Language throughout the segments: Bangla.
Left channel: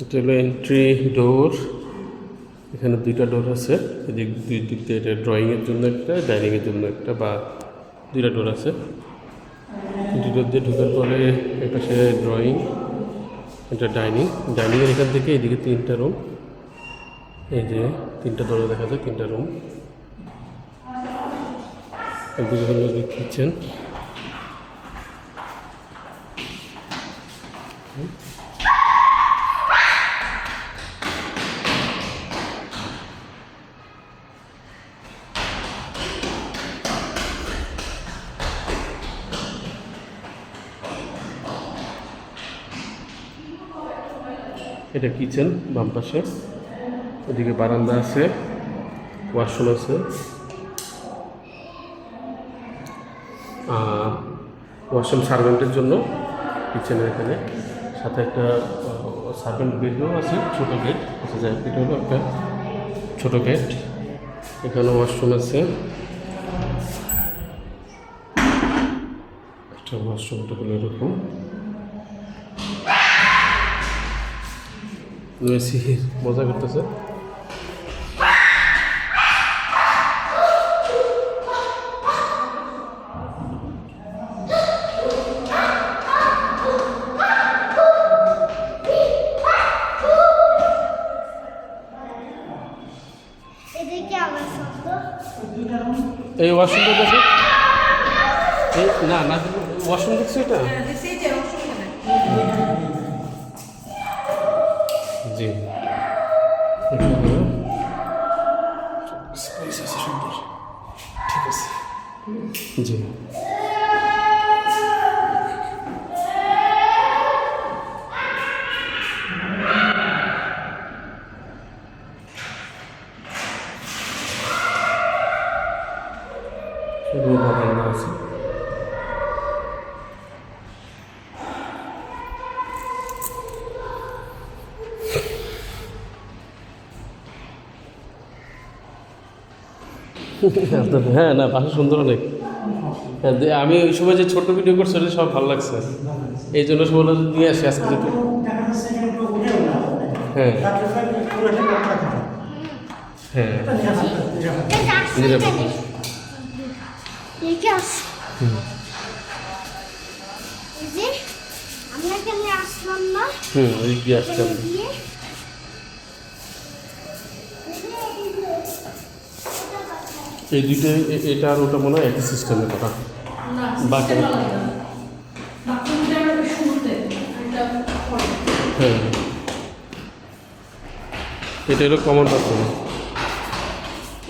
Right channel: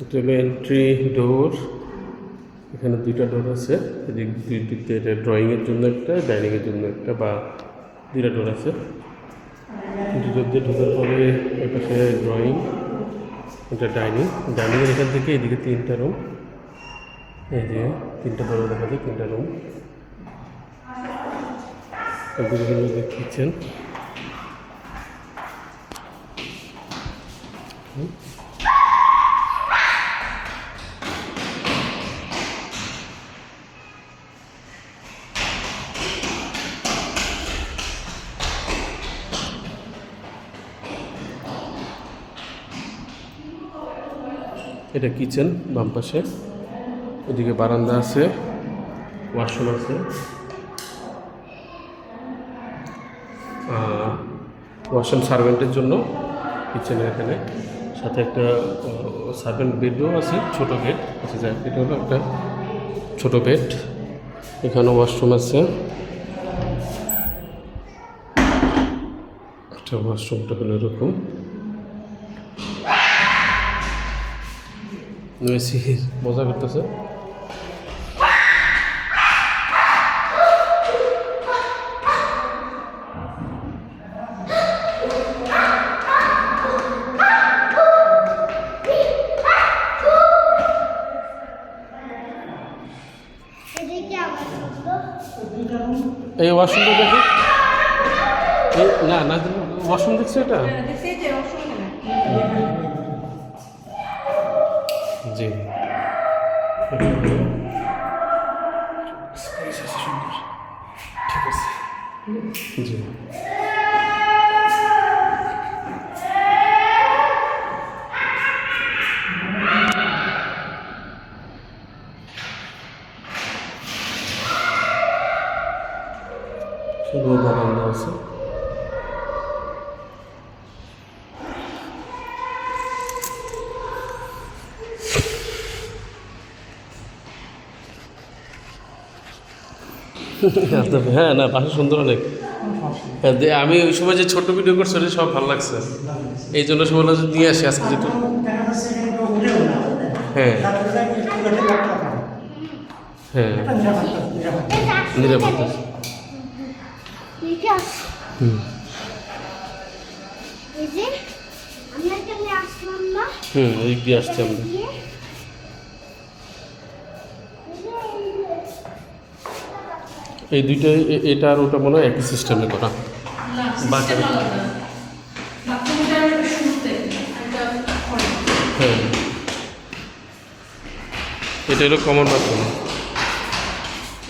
এটা হলো এন্ট্রি ডোর। এখানে দুইটা ডোর আছে, এদিক দুই দিক দিয়ে। এটা ড্রয়িংয়ের জন্য একটা, ডাইনিংয়ের জন্য একটা, বা দুইটা ডোর আছে। দুই ডোর দিয়ে ঢোকার পরে এপাশে ড্রয়িং, এটা ডাইনিং। ডাইনিংয়ের এখান থেকে এদিকে তিনটা রুম। এই যে তিনটা দরজা দেখা যায়, তিনটা রুম। একদিকে হলো কিচেন। এটা কিচেন বাম পাশে। ওদিকে বারান্দা আছে, ওয়াশরুম আছে। ওয়াশরুম সার্ভেন্টের জন্য কিচেনের এখানে, সাথে একটা সার্ভেন্ট বেডও আছে, ছোটো বেড আছে। যাই এটা হলো একটা ছোটো বেড। এখানে ওয়াশরুম আছে। একটা ওয়াশরুমটা হলো এরকম। মজা করতেছে। এই ওয়াশরুমটা দেখো। এই না না, ওয়াশরুম দেখছো এটা? জি, সুন্দর, ঠিক আছে। জি, শুধু বারান্দা আছে। হ্যাঁ না, বাসা সুন্দর অনেক। হ্যাঁ, আমি ওই সময় যে ছোট ভিডিও করছি সব ভালো লাগছে, এই জন্য সব নিয়ে আসি আজকে যেহেতু। হ্যাঁ হ্যাঁ, নিরাপদ। ওই দিয়ে আসছি আমরা। এই দুইটা, এটা আর ওটা মনে হয় একই সিস্টেমে করা। বাকি হ্যাঁ, এটা হলো কমন বাথরুম।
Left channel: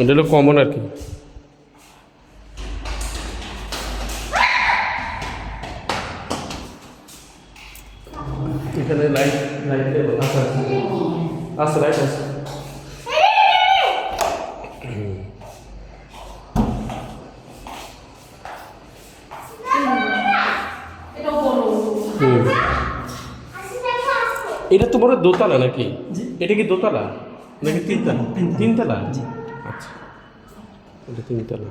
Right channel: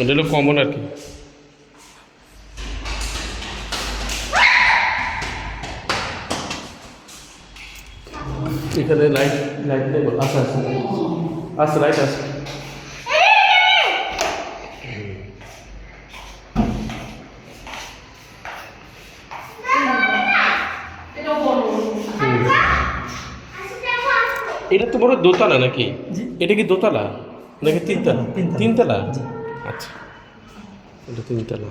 এটা হলো কমন আর কি। এখানে লাইট আছে আছে লাইট আছে। এটা তো বড় দোতলা নাকি? এটা কি দোতলা নাকি তিনতলা? তিনতলা, আচ্ছা, এটা তিনতলা।